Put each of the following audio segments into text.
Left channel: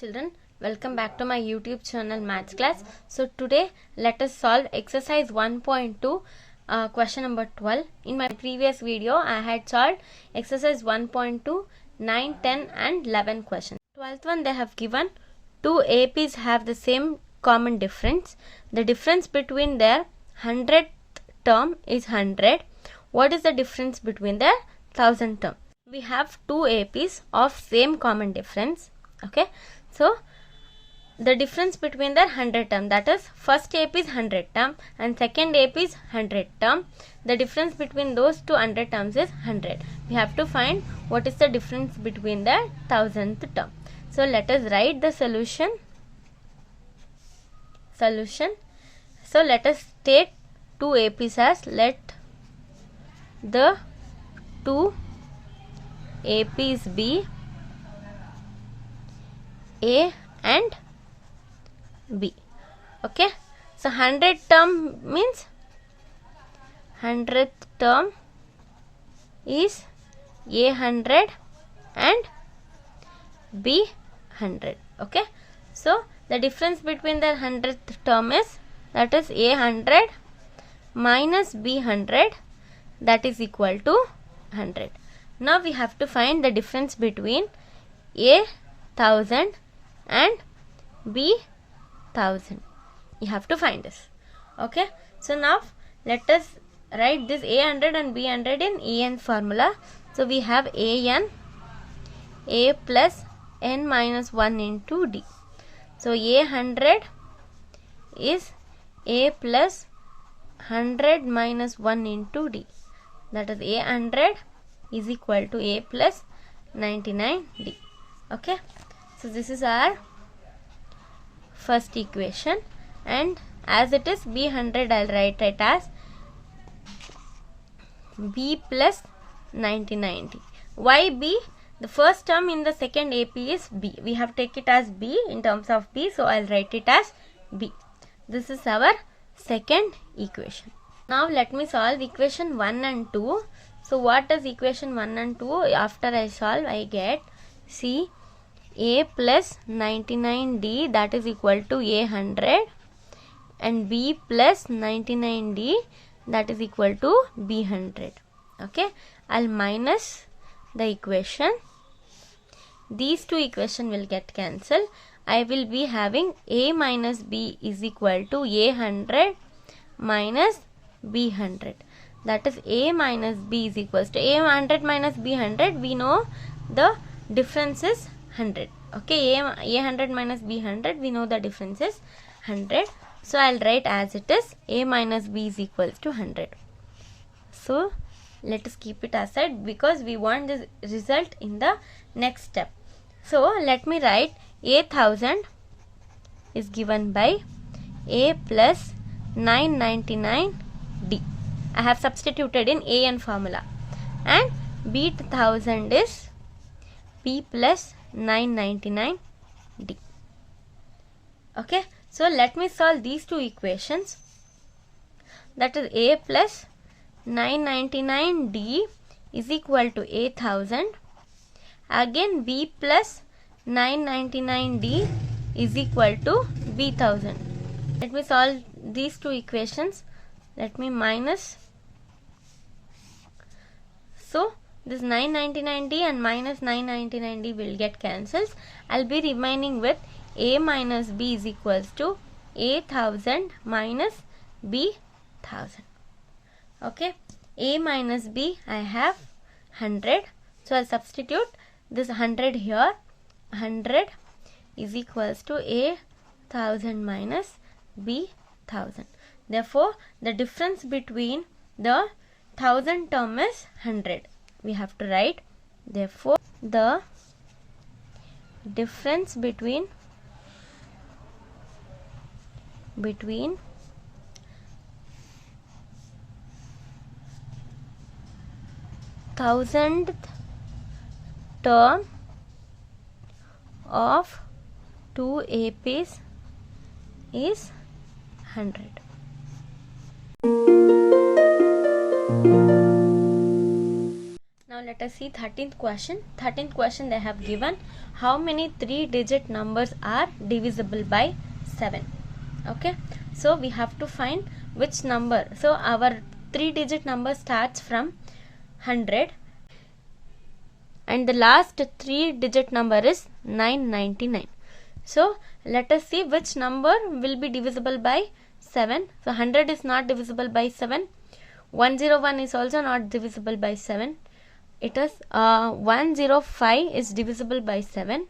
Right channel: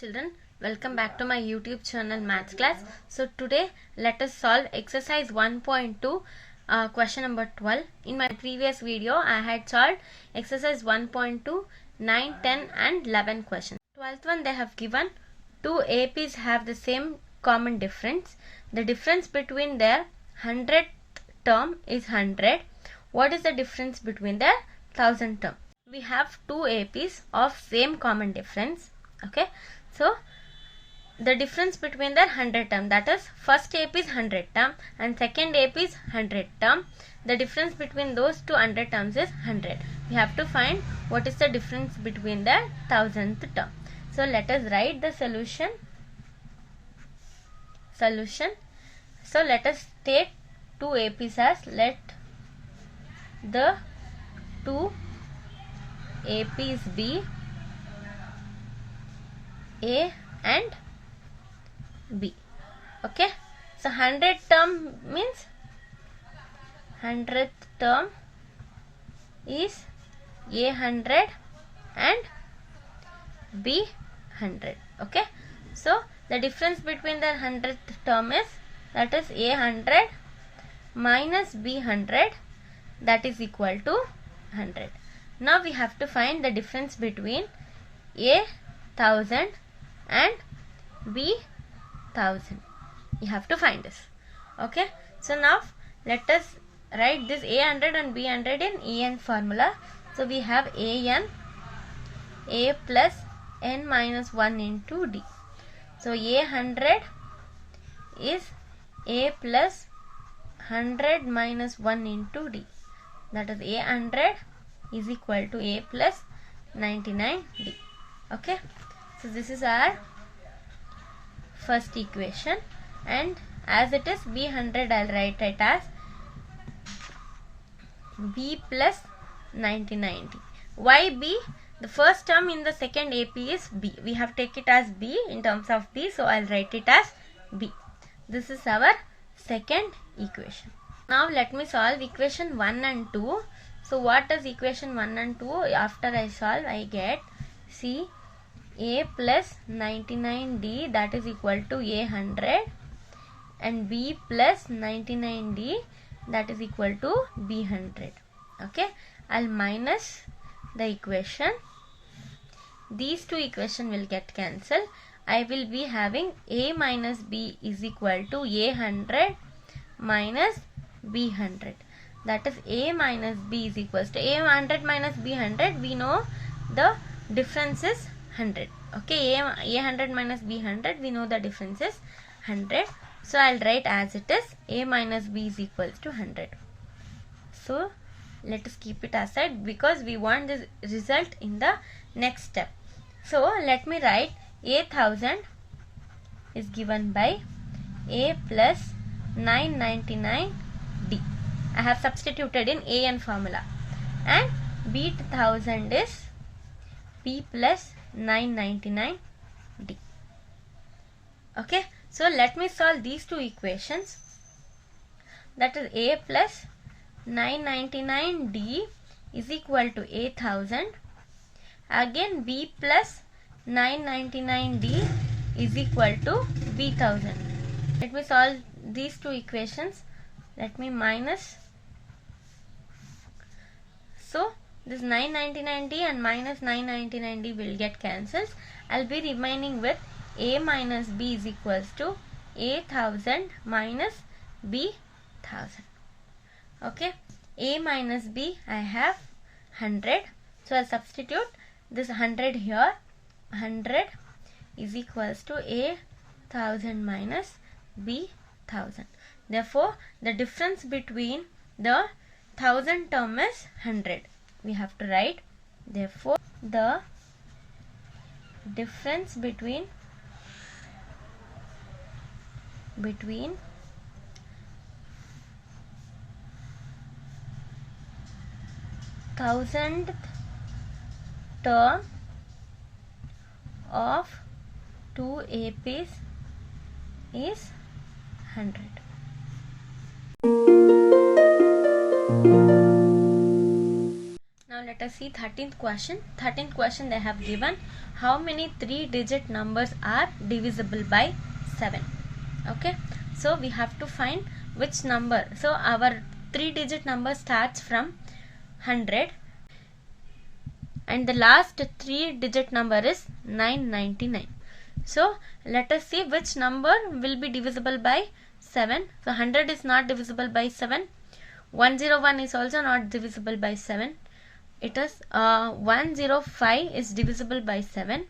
children, welcome back to my YouTube channel Maths Class. So today let us solve exercise 1.2 question number 12. In my previous video I had solved exercise 1.2, 9, 10 and 11 questions. 12th one, they have given two APs have the same common difference. The difference between their 100th term is 100. What is the difference between their 1000th term? We have two APs of same common difference. Okay, so the difference between their 100 term, that is first AP is 100 term and second AP is 100 term. The difference between those two 100 terms is 100. We have to find what is the difference between their 1000th term. So let us write the solution. So let us take two APs as, let the two APs be A and B. Okay, so 100 term means 100th term is A 100 and B 100. Okay, so the difference between the 100th term is, that is A 100 minus B 100, that is equal to 100. Now we have to find the difference between A 1000 and B 1000. You have to find this. Okay, so now let us write this A 100 and B 100 in EN formula. So we have AN, A plus N minus 1 into D. So A 100 is A plus 100 minus 1 into D. That is A 100 is equal to A plus 99D. Okay, so this is our first equation, and as it is B 100, I'll write it as B plus 99D. Why B? The first term in the second AP is B. We have taken it as B in terms of B, so I'll write it as B. This is our second equation. Now let me solve equation 1 and 2. So what is equation 1 and 2? After I solve, I get C A plus 99D, that is equal to A 100, and B plus 99D, that is equal to B 100. Okay, I'll minus the equation. These two equations will get cancelled. I will be having A minus B is equal to A 100 minus B 100. That is A minus B is equals to A 100 minus B 100. We know the difference is 100. Okay, A 100 minus B 100, we know the difference is 100. So I'll write as it is, A minus B is equals to 100. So let us keep it aside because we want this result in the next step. So let me write A 1000 is given by A plus 999D. I have substituted in AN formula, and B 1000 is B plus 999D. Okay, so let me solve these two equations. That is A plus 999D is equal to A 1000. Again B plus 999D is equal to B 1000. Let me solve these two equations. Let me minus. So this 999D and minus 999D will get cancelled. I'll be remaining with A minus B is equals to A 1000 minus B 1000. Okay, A minus B I have 100. So I'll substitute this 100 here. 100 is equals to A 1000 minus B 1000. Therefore, the difference between the 1000 term is 100. We have to write, therefore the difference between 1000th term of two APs is 100. let us see 13th question. 13th question they have given how many 3-digit numbers are divisible by 7. Okay, so we have to find which number. So our 3-digit number starts from 100 and the last 3-digit number is 999. So let us see which number will be divisible by 7. So 100 is not divisible by 7. 101 is also not divisible by 7. It is 105 is divisible by 7,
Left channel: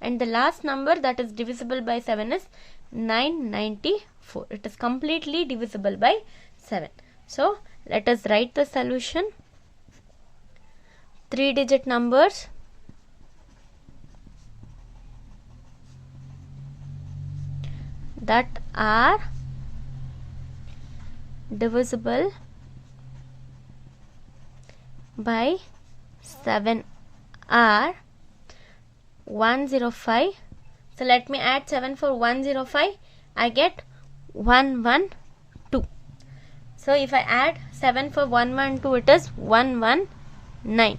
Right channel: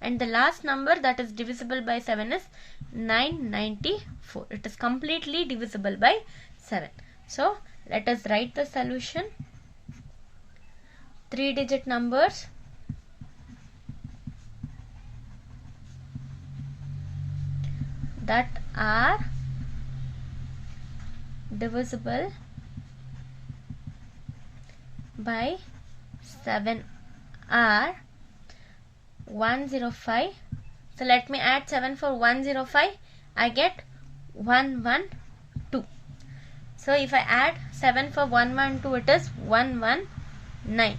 and the last number that is divisible by 7 is 994. It is completely divisible by 7. So let us write the solution. 3-digit numbers that are divisible by 7 are 105. So let me add 7 for 105. I get 112. So if I add 7 for 112, it is 119.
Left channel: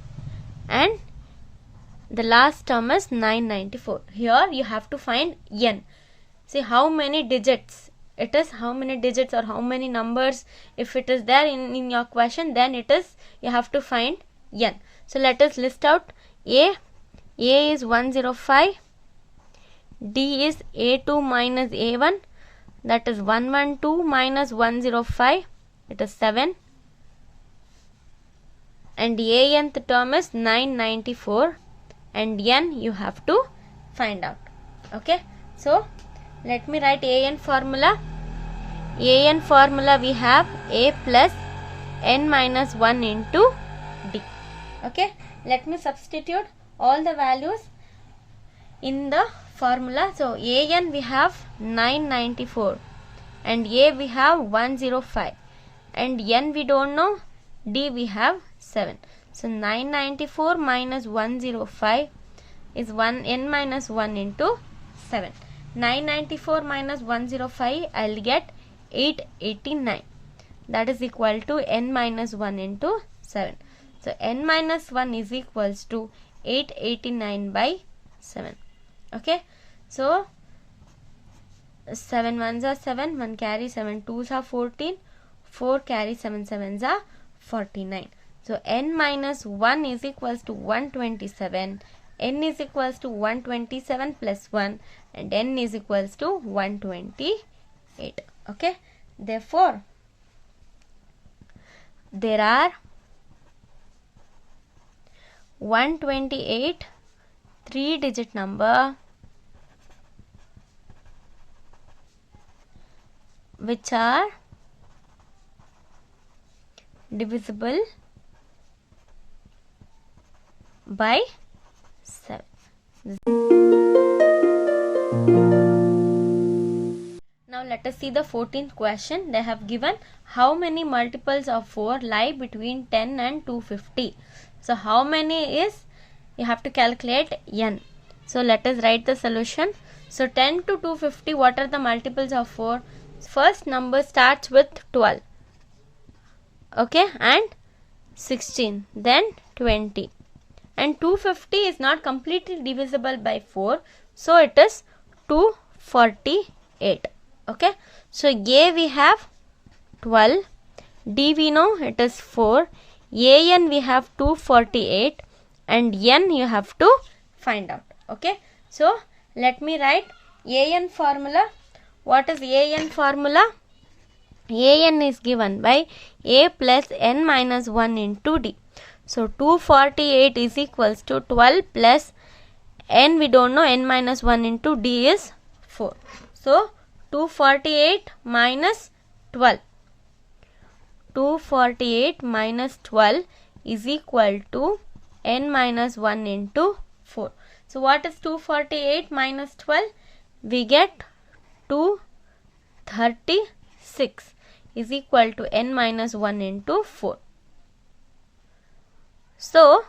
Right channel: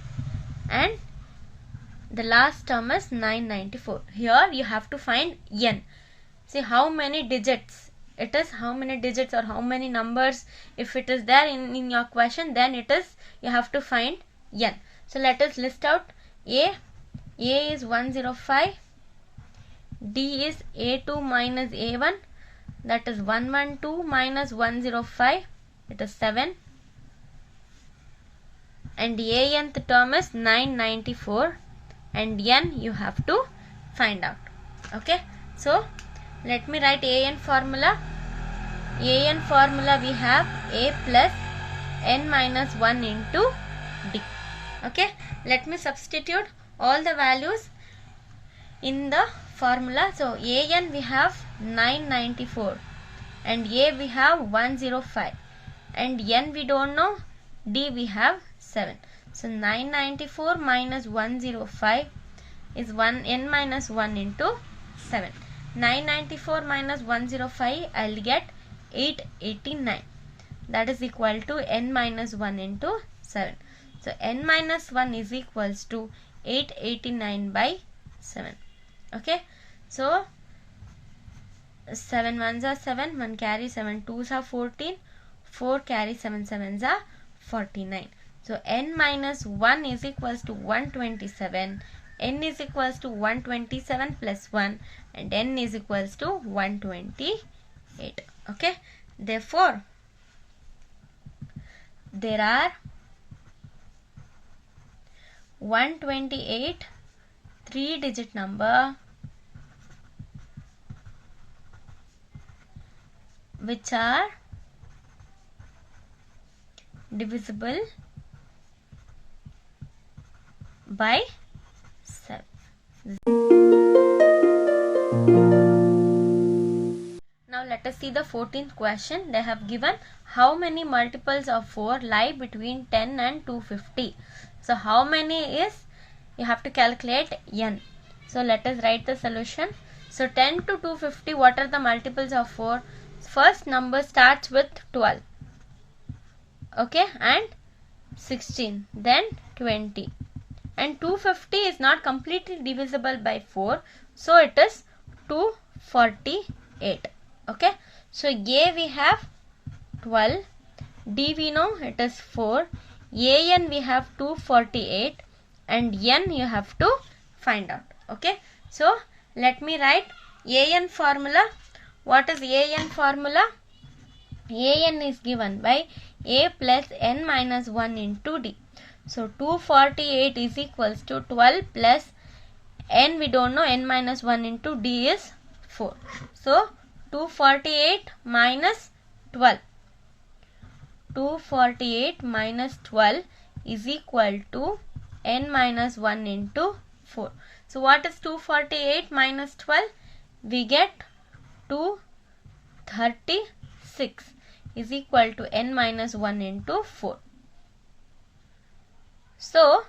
And the last term is 994. Here you have to find n. See how many digits it is, how many digits or how many numbers. If it is there in your question, then it is you have to find n. So let us list out A is 105, D is A2 minus A1, that is 112 minus 105, it is 7, and the nth term is 994, and n you have to find out. Okay, so let me write an formula. An formula we have A plus n minus 1 into D. Okay, let me substitute all the values in the formula. So an we have 994 and A we have 105 and n we don't know, D we have 7. So 994 minus 105 is n minus 1 into 7. 994 minus 105, I'll get 889. That is equal to n minus 1 into 7. So n minus 1 is equals to 889 by 7. Okay, so 7 ones are 7, 1 carry 7 twos are 14, 4 carry 7 sevens are 49. So n minus 1 is equals to 127. N is equals to 127 plus 1 and n is equals to 128. Okay, therefore there are 128 3-digit number which are divisible by 7. Now let us see the 14th question. They have given how many multiples of 4 lie between 10 and 250. So how many is, you have to calculate n. So let us write the solution. So 10 to 250, what are the multiples of 4? First number starts with 12. Okay, and 16, then 20. And 250 is not completely divisible by 4. So it is 248. Okay, so A we have 12, D we know it is 4, an we have 248 and n you have to find out. Okay, so let me write an formula. What is an formula? An is given by A plus n minus 1 into D. So 248 is equals to 12 plus n we don't know, n minus 1 into D is 4. So 248 minus 12. 248 minus 12 is equal to n minus 1 into 4. So what is 248 minus 12? We get 236 is equal to n minus 1 into 4. So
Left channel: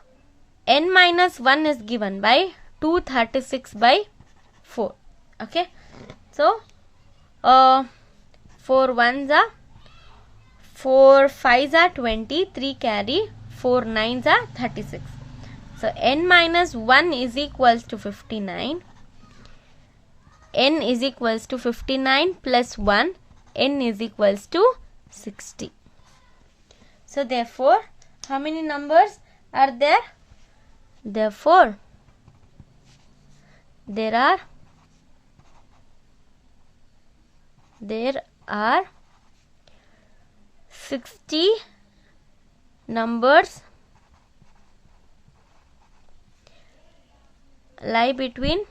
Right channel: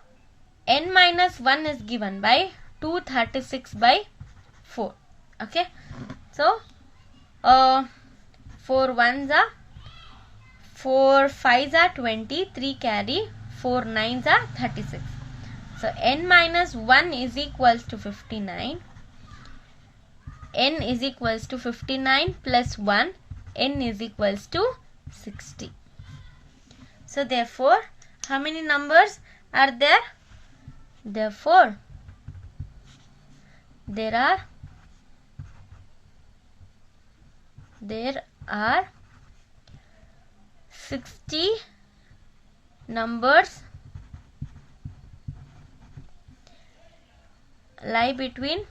n minus 1 is given by 236 by 4. Okay, so 4 ones are 4 5s are 20, 3 carry 4 9s are 36. So n minus 1 is equals to 59. N is equals to 59 plus 1. N is equals to 60. So therefore, how many numbers are there? Therefore, there are 60 numbers lie between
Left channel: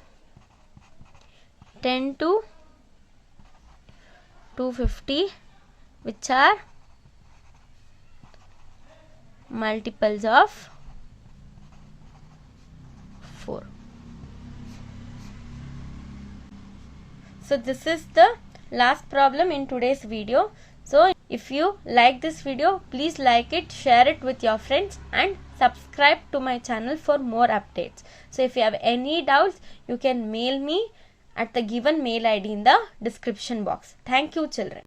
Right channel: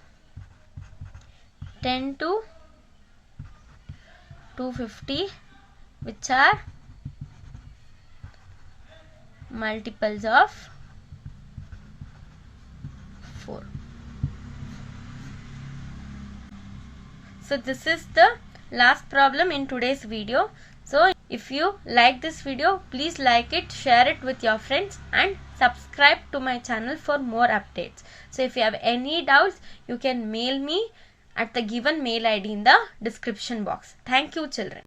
10 to 250, which are multiples of 4. So this is the last problem in today's video. So if you like this video, please like it, share it with your friends and subscribe to my channel for more updates. So if you have any doubts, you can mail me at the given mail ID in the description box. Thank you, children.